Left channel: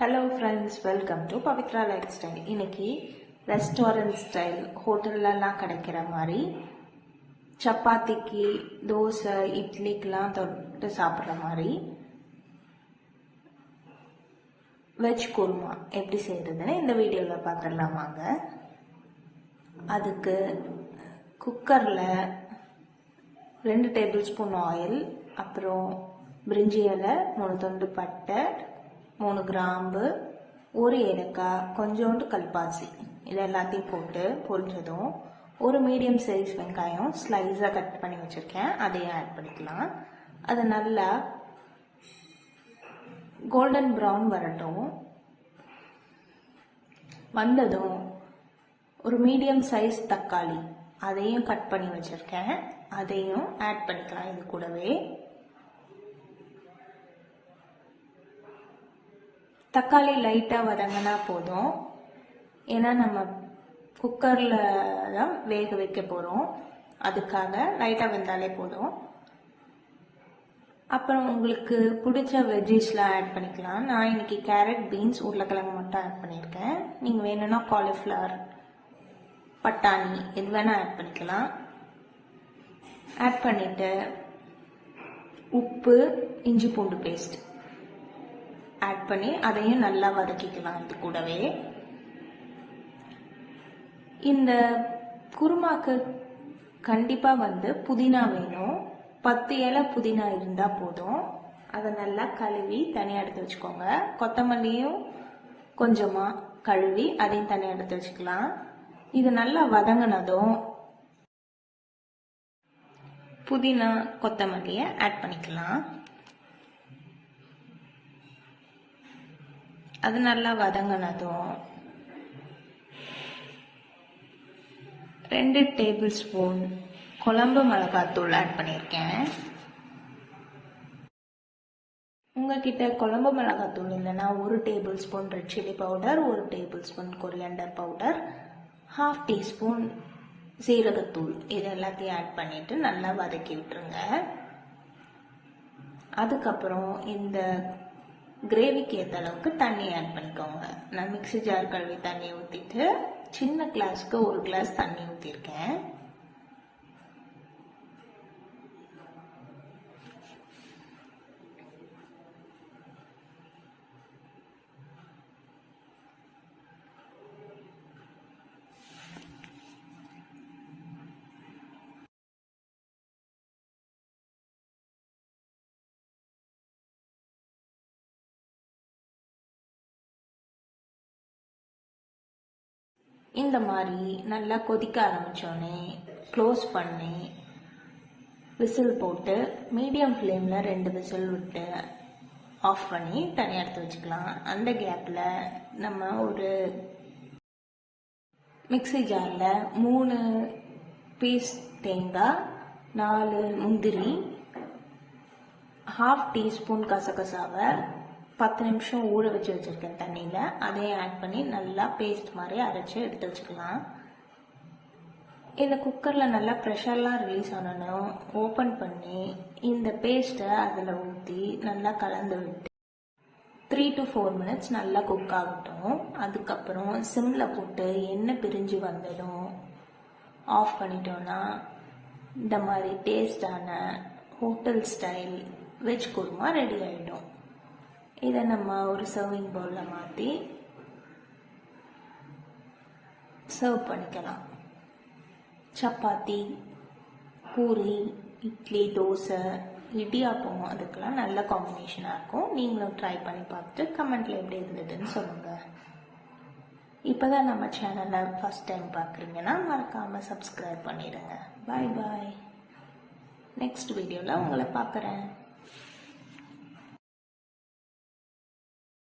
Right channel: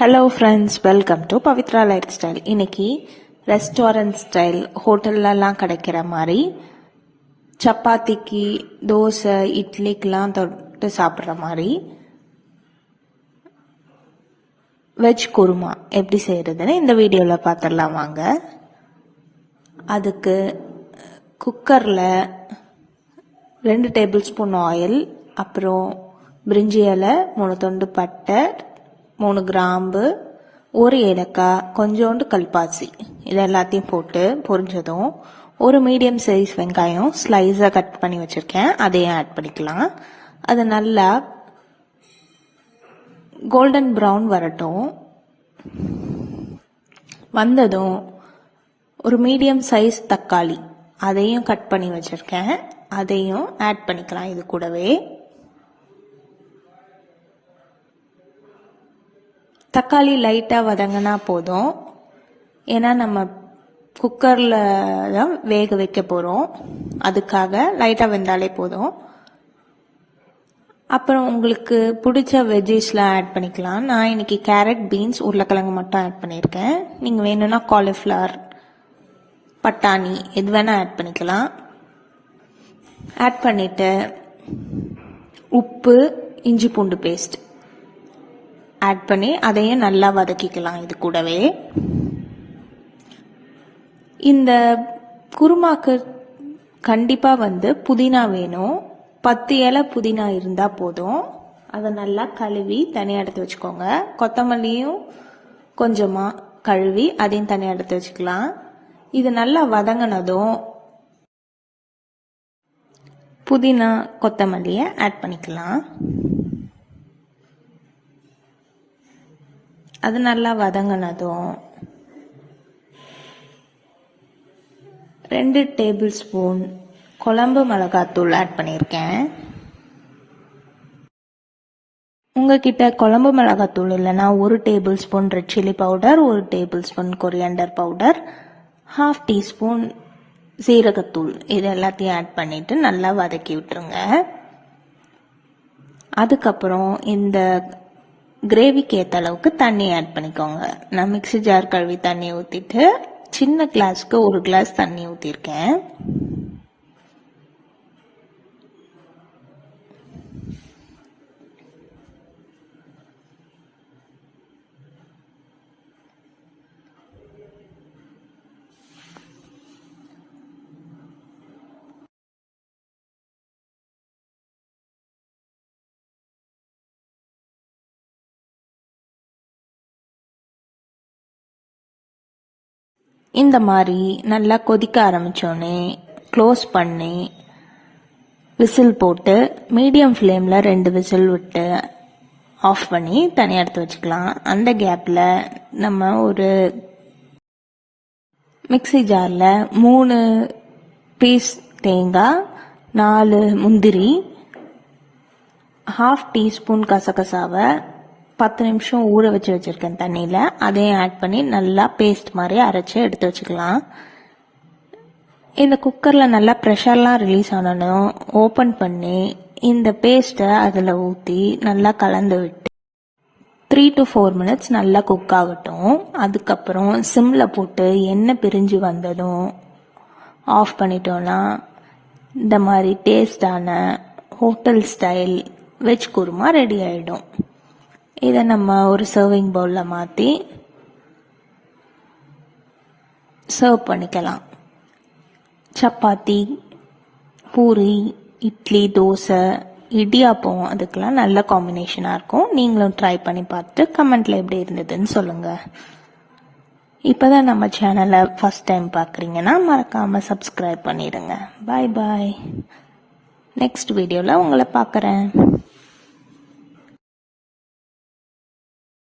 Hello friends, welcome to Pavithra life style. இன்னைக்கு restaurant style ஹோட்டல்லலாம் கிடைக்கிற மாதிரி சப்பாத்திக்கு, தோசை, இட்லிக்கெலாம் தொட்டு சாப்பிட்ற மாதிரி வெஜ் குருமா எப்படி செய்கிறதுன்னு இந்த வீடியோவில் பார்த்துடலாம் வாங்க. அதுக்கு குக்கரில் 2 டேபிள் ஸ்பூன் ஆயில், அப்புறம் பிரிஞ்சி இலை, 3 துண்டு பட்டை, 3 கிராம்பு, 1 ஏலக்காய், கொஞ்சோண்டு கல்பாசி, இது எல்லாத்தையும் போட்டு பொரிஞ்சதும் ஒரு மீடியம் சைஸ் வெங்காயம் ஸ்லைஸாக கட் பண்ணி வச்சுருக்கேன், அதையும் ஆட் பண்ணிக்கலாம். அது நல்லா கோல்டன் ப்ரௌன் வரட்டும். வந்ததும் ஒரு மீடியம் சைஸ் தக்காளி, அதையும் கட் பண்ணி வச்சுருக்கேன், அதையும் ஆட் பண்ணிக்கலாம். இது கூடவே தக்காளி லைட்டாக வதங்கினா போதும், ஏன்னா நம்ம குக்கரில் தான் வேக வைக்க போகிறோம், அதுக்காக லைட்டாக வெந்தாலே போதும். அப்புறம் உங்களுக்கு பிடிச்ச வெஜ்ஜீஸ்லாம் ஆட் பண்ணிக்கலாம். நான் இன்னைக்கு கேரட், பீன்ஸ், உருளைக்கிழங்கு மட்டும் ஆட் பண்ணியிருக்கேன். நீங்கள் வேணும்னா காலிஃப்ளவர், பட்டாணி எது வேணால் ஆட் பண்ணிக்கலாம். ஆட் பண்ணிவிட்டு உப்பு, இஞ்சி பூண்டு பேஸ்ட் ஆட் பண்ணி அதையும் நல்லா வதக்கிக்கலாம். இது கூடவே இந்த குருமாக்கு கண்டிப்பாக புதினா வேணும். 10 இலை புதினா இருந்தால் போதும். அதை நல்லா கழுவி தனியாக எடுத்து வச்சுக்கோங்க. கொத்தமல்லியும் கொஞ்சமாக கழுவி அதையும் தனியாக எடுத்து வச்சுக்கலாம். இது நல்லா வதங்கினதும் புதினா, கொத்தமல்லியை ஆட் பண்ணிக்கலாம். அது நல்லா வதங்கினதும் 2 டேபிள் ஸ்பூன் குழம்பு மிளகாத்தூள் ஆட் பண்ணியிருக்கேன். உங்ககிட்ட குழம்பு மிளகாத்தூள் இல்லைன்னா 1 table spoon red chilli powder, 1 table spoon coriander powder, 1/2 teaspoon சீரகத்தூள், இது எல்லாத்தையும் ஆட் பண்ணிவிட்டு நல்லா வதக்கி விட்டுருங்க. அதுக்கப்புறம் இந்த கிரேவிக்கு ஏற்ற அளவுக்கு தண்ணி ஆட் பண்ணிக்கோங்க. நான் மிக்ஸி ஜார் கழுவி தண்ணி ஊற்றிட்டு சின்ன கிளாஸ்க்கு 1 கிளாஸ் தண்ணி ஊற்றிருக்கேன். இந்த மாதிரி நல்லா கொதிக்க ஆரம்பித்தோடனே க்ளோஸ் பண்ணி விசில் போட்டு மீடியம் ஃப்ளேமில் 2 விசில் விட்டு ஆஃப் பண்ணி தனியாக எடுத்து வச்சுக்கலாம். அந்த கேப்பில் நம்ம ஒரு மிக்ஸி ஜாரில் 3 பீஸ் தேங்காய், 4 முந்திரி, 1/2 டீஸ்பூன் கசகசாவை 10 நிமிஷம் ஊற வச்சுருக்கேன் தண்ணியில், அதையும் ஆட் பண்ணி நல்லா பேஸ்ட் மாதிரி அரைச்சி எடுத்து வச்சுக்கலாம். இந்த குக்கரில் நல்லா ப்ரெஷர்லாம் ரிலீஸ் ஆனதும் ஓப்பன் பண்ணி இந்த பேஸ்ட்டை அதில் ஊற்றி நல்லா கலந்து விட்டு 3 to 4 மினிட்ஸ் நல்லா குக் ஆகட்டும். அதுக்கப்புறம் சிம்மில் போட்டு எண்ணெய் பிரிஞ்சு வந்ததும் ஆஃப் பண்ணிட்டோன்னா இந்த மாதிரி டேஸ்டான hotel style veg kurma ready ஆகிடும். இதை நம்ம ஒரு சர்விங் பவுலில் மாற்றி சர்வ் பண்ணிக்கலாம். சப்பாத்தி, பூரி, இட்லி, தோசை, இடியாப்பம் அதுக்கெல்லாம் நல்ல காம்பினேஷனாக இருக்கும். நீங்களும் ட்ரை பண்ணி பார்த்துட்டு கமெண்ட்டில் எப்படி இருந்ததுன்னு சொல்லுங்கள். இப்போ தான் நம்ம சேனலை ஃபஸ்ட் டைம் பார்க்குறீங்கன்னா மறக்காமல் சப்ஸ்கிரைப் பண்ணிடுங்க. பாய் பாய். நெக்ஸ்ட் வீடியோவில் உங்களை பார்க்குறேன்.